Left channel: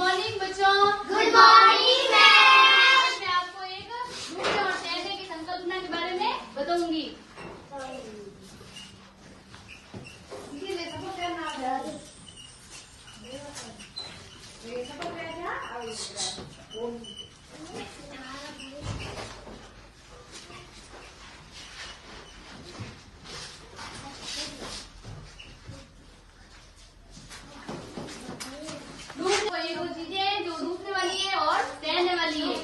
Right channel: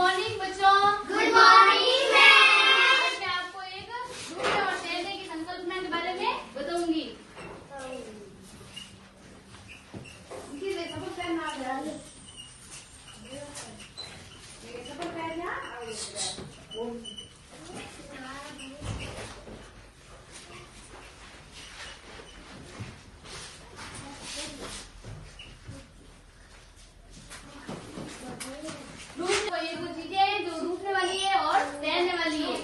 Morning बच्चों। Good morning ma'am. मैं आपको एक डूबने और तैरने की संकल्पना के बारे में बताऊंगी। ये दो चीजें हैं जो डूबने वाली है और तैरने वाली है।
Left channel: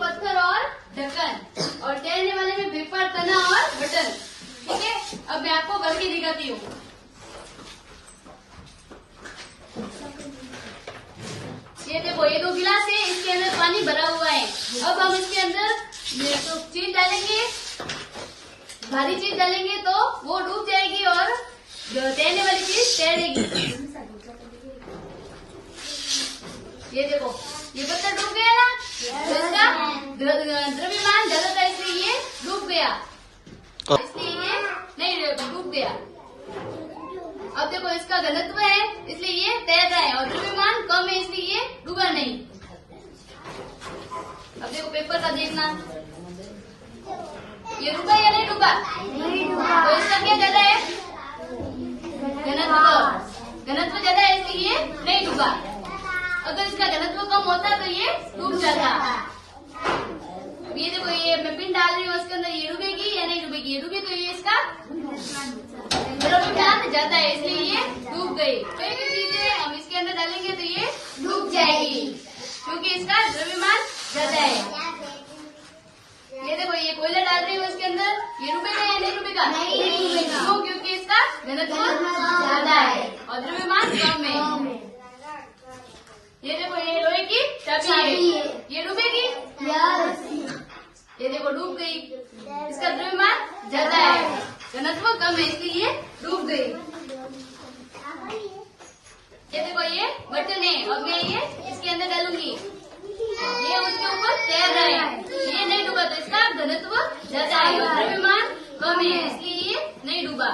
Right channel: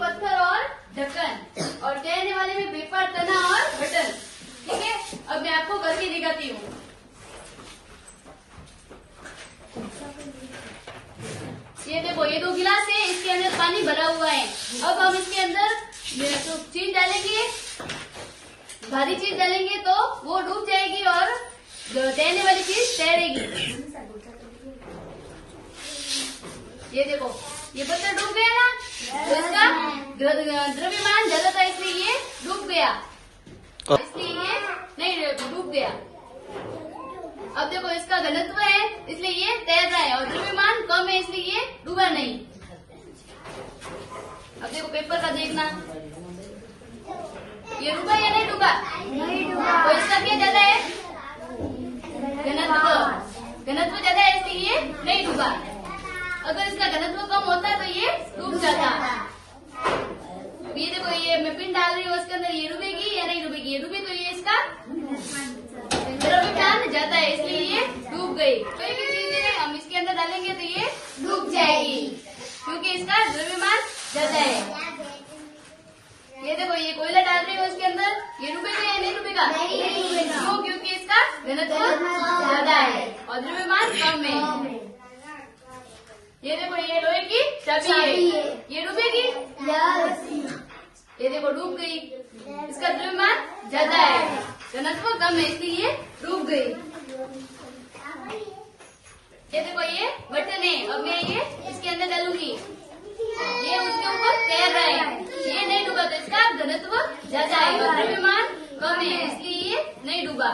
पत्थर और ढक्कन और तैरने वाले में पेपर, तना और बटन। ठीक है, अब मैं आपको करके दिखाती हूँ। ये देखो, ये दो गिलास है, इसके अंदर पानी भरा हुआ है। अब हम इसके अंदर तो चीज डालेंगे, भारी चीज डालेंगे तो वो डूब जाएगी और तैरने वाली चीज तैरेगी। ये देखो, ये पत्थर डूब गया ना, तो इसका द्रव्यमान ज्यादा था इसलिए ये डूब गया, इसलिए ये नहीं डूब गया। अब देखो, इसका घनत्व है इसलिए ये तैर रहा है और द्रव्यमान कम है इसलिए ये डूबा नहीं। अब देखो पेपर का देखना, ये डूबा या नहीं डूबा? नहीं डूबा। तो इसका क्या ज्यादा है? घनत्व ज्यादा है इसलिए ये नहीं डूबा। अगर इसका घनत्व कम होता तो ये डूब जाता। अब ये देखो, ये मैं पिन डाल रही हूँ, इसके अंदर ये डूबेगी या नहीं डूबेगी? ये डूबी तो ये इसका द्रव्यमान ज्यादा है इसलिए ये डूब गई। कोई भी चीजें हम इसके अंदर डालेंगे तो ये डूब जाएगी क्योंकि इसका द्रव्यमान ज्यादा है। ये देखो, ये कोयला डाल रही हूँ इसके अंदर, ये डूबेगा या नहीं डूबेगा? नहीं डूबेगा। क्यों? क्योंकि इसका घनत्व ज्यादा है और द्रव्यमान कम है। ये देखो, ये लोहे की चाबी है, ये डूबेगी? ये देखो डूब गई, इसका द्रव्यमान ज्यादा है, घनत्व कम है इसलिए ये डूब गई। ये देखो, ये बटन है, अब मैं ये इसके अंदर डालूंगी, ये उसके ऊपर तैर रहा है, ये नहीं डूबा तो इसका घनत्व ज्यादा है और द्रव्यमान कम है इसलिए ये नहीं डूबा।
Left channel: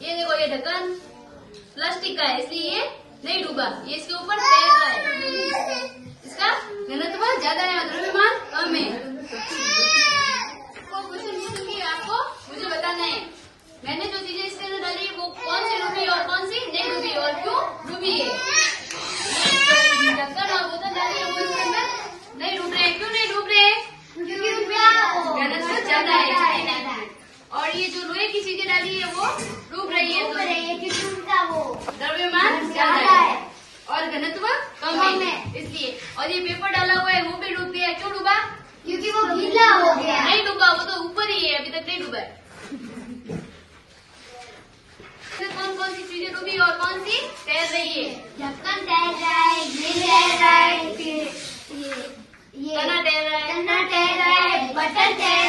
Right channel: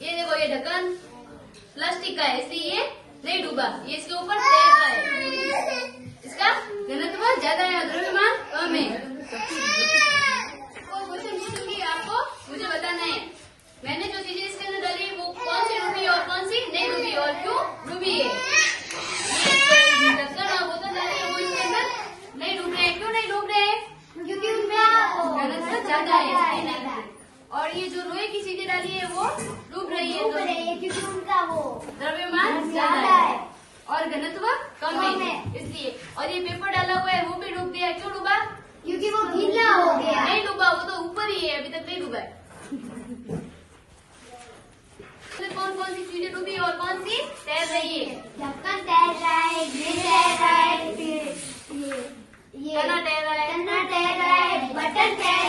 ये देखो, ये ढक्कन प्लास्टिक का है इसलिए ये नहीं डूबा, ये इसके ऊपर तैर रहा है, इसका घनत्व ज्यादा है और द्रव्यमान कम है। आपको मुझे बताना है, मैंने जो चीजें इसके अंदर डाली वो कौन सी डूबी और कौन सी नहीं डूबी और क्यों डूबी है। ढक्कन और बोतल डाली है वो इसके अंदर नहीं डूब रहे हैं, क्यों नहीं डूब रहे हैं? क्योंकि उनका घनत्व ज्यादा है। और ये जो लोहे की चीजें डाली है वो डूब रही है क्योंकि उनका वो द्रव्यमान ज्यादा है और घनत्व कम है इसलिए। और ये पेपर डाला हुआ है वो भी डूब गया, क्यों डूबा? क्योंकि वो गीला हो गया। नहीं डूबा, वो तो ऊपर ही है, अभी तक नहीं डूबा है। कौन कौन सी चीजें डूबी और कौन सी तैर रही है? ढक्कन तैर रहा है, ग्रिल तैर रहा है, तना तैर रहा है, बटन तैर